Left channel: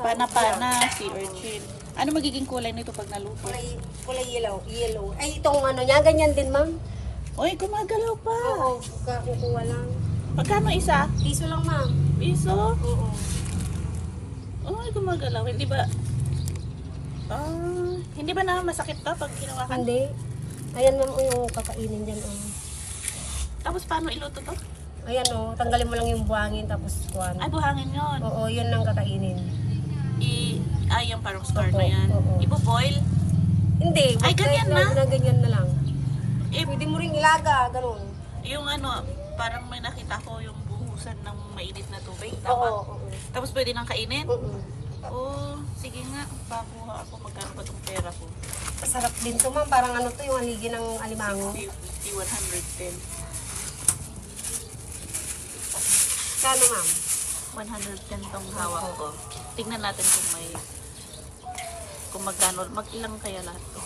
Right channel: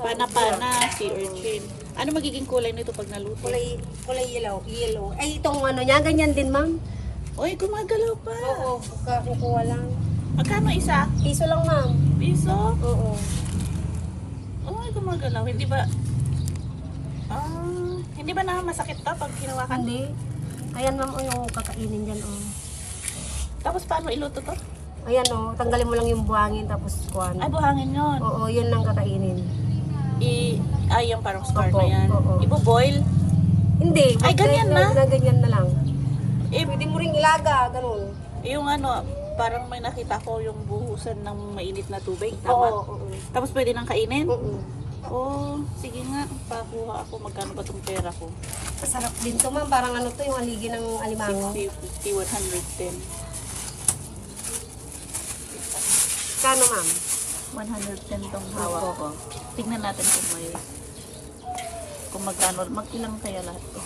Pana-pana, sea urchin. Ano magiging kulay nito pag naluto? Kulay yellow. Ay, itong ano niya, ganyan din, ma'am. Uy, gumagalaw pa. Oo, kukuha lang. Magkano isa? Piso lang, ma'am. Piso? Oo. Uy, gumagalaw. Hindi ba... hindi ba na masakit to pag hinawakan? Hindi. Ayan, ma'am, yung kakainin dyan, Tapos paano iluto to? Ayan, tanggalin mo lang yung buhangin, tapos kuha Ay, buhangin yun. Oo, yun lang kakainin. Yung parang scar Opo, na yan. oo. Ibo-boil? Hindi. Ay, ganyan na? Ganyan na lang. Eh, Pwede mo rin ilaga, ganun. yung ano, parang may nakita ko yung buhusan ng mainit na tubig. Tama? Oo. Tapos pwede nang kainin? Mm-mm. Sige nga. Pakuha ako. Magkano ba itong pera ko? Masarap din to, ma'am. Parang ano to, yung haligi ng alimango. 50, 110. Kano, ma'am? 110 tong hawak ko. Tignan natin kung may... Kung magkano. Mag-ilang kaya lahat to.